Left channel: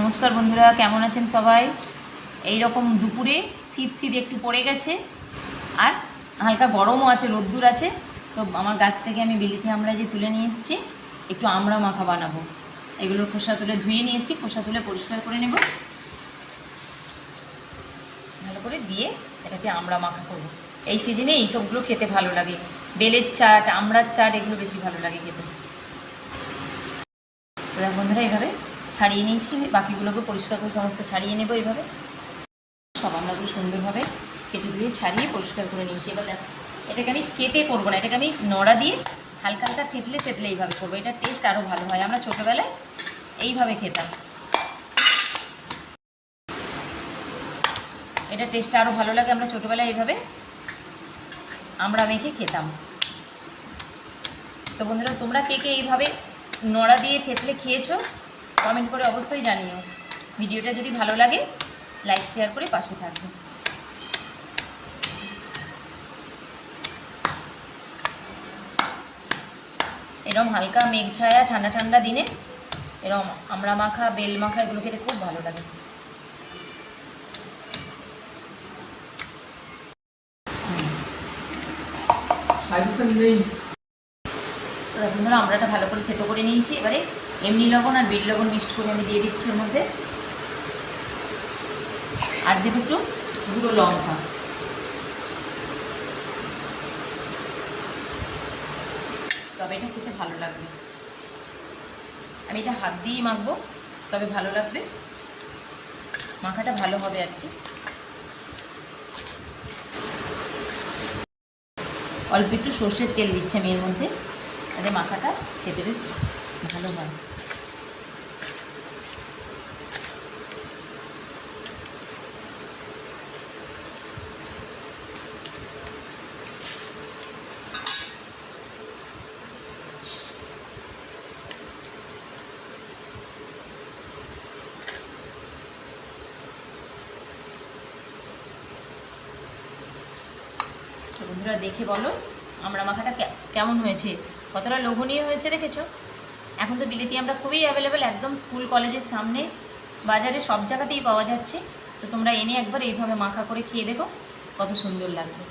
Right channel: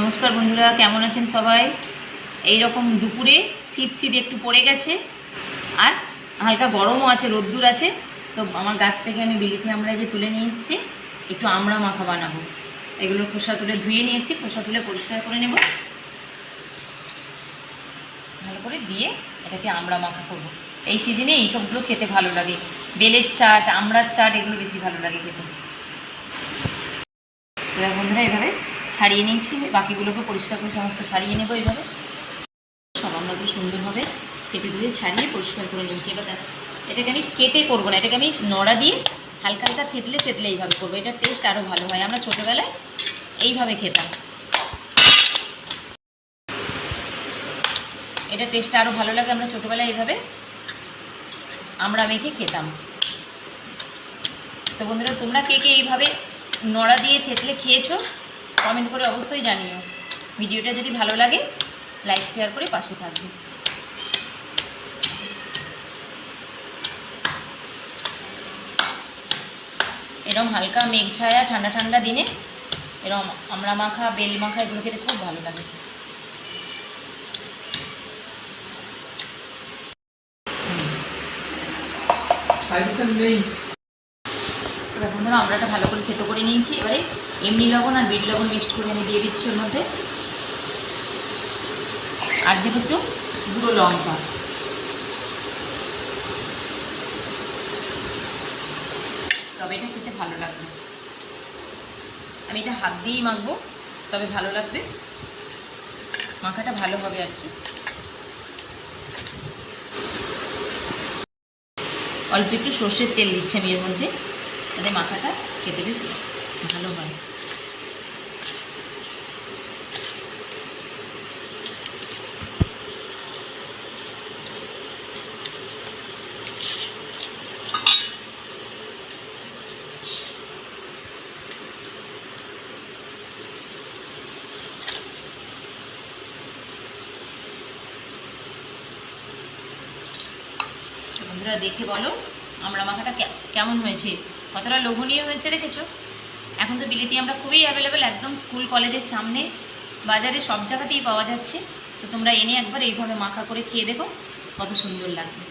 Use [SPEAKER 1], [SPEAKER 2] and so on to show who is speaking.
[SPEAKER 1] নমস্কার বন্ধুরা, কেমন আছেন সবাই? এই রকম দুপুরে শীত শীত একটু পড়ে গেছে, আর হালকা গরমও আছে, রোদ্দুর আছে, তো আমার গাছ থেকে আমি বিলিতি আমরা যে তুলে নিয়ে এসেছি, একটু আমড়া মাখা বানাবো। এগুলোর খোসা তুলে ধুয়ে নিয়ে এসেছি, খোসা তুলে পরিষ্কার করে নেব। ভালো করে দিয়ে এটাকে আমড়া মাখা করব। এই সিজনে এই সবগুলো খেতে ভালো লাগে। বেলের চাট, আমড়ার চাট, এগুলো বেশি ভালো লাগে খেতে। বন্ধুরা, এভাবে ছাড়িয়ে নিয়েছি, বাকিগুলোকে পরিষ্কার করে সমস্ত ছাড়িয়ে নেব এইভাবে সব আমরা আমরাগুলো সুন্দরভাবে কেটে ধুয়ে ছাড়িয়ে পরিষ্কার করে নিয়েছি। এবার দেখো, এটাকে আমি কেটে করব না, এটাকে আমি নড়া দিয়ে হালকা হালকা থেতলে থেতলে এইভাবে করব। এটার টেস্ট আরও ভালো হয়। আমরা ছোটোবেলায় এইভাবে খেতাম। এটা টেস্ট আরও ভালো লাগে, আমরা ছোটোবেলায় এইভাবে আমরা মেখে খেতাম। তো বন্ধুরা, তোমরা কে কে এইভাবে নড়া দিয়ে থেতলে খেয়েছো? কমেন্ট করে অবশ্যই জানিও। ভিডিওটা যদি ভালো লাগে লাইক শেয়ার করে পাশে থাকবে। এরম হালকা মেঘ ছায়া, ঠান্ডা ঠান্ডা দিনে, এরম আমরা মাখা, বেল মাখা, এগুলো খেতে খুব ভালো লাগে।
[SPEAKER 2] নেই
[SPEAKER 1] দেখো বন্ধুরা, আমরাটা ভালো করে থেতো করে নিয়েছি। এবারে এমনি লবণ আর বিট লবণ মিক্সড করে আমি দিয়ে দিচ্ছি ওর মধ্যে। আর দেবো একটু গুঁড়ো লঙ্কা। তবে এটা খেতে ভালো লাগবে। আমি এটা হাত দিয়েই মাখবো, তবে ভালো লাগবে। মাখাটা ভালো হবে আর কি। অল্প একটু সর্ষের তেল দিচ্ছি আমি এর মধ্যে। তাতে মাখাটা খেতে বেশ ভালো হয়। বন্ধুরা দেখে বলো আমরা মাখাটা কেমন হয়েছে? কতটা লোভনীয় হয়েছে দেখেছ? এখন তো বিলিতি আমরা খুবই অ্যাভেলেবেল একদম স্কুল কলেজের সামনে। বাজারে সব জায়গাতেই পাওয়া যাচ্ছে। তো তোমরা এনে একবার এইভাবে মাখা করে খেয়ে দেখো, কত সুন্দর লাগবে।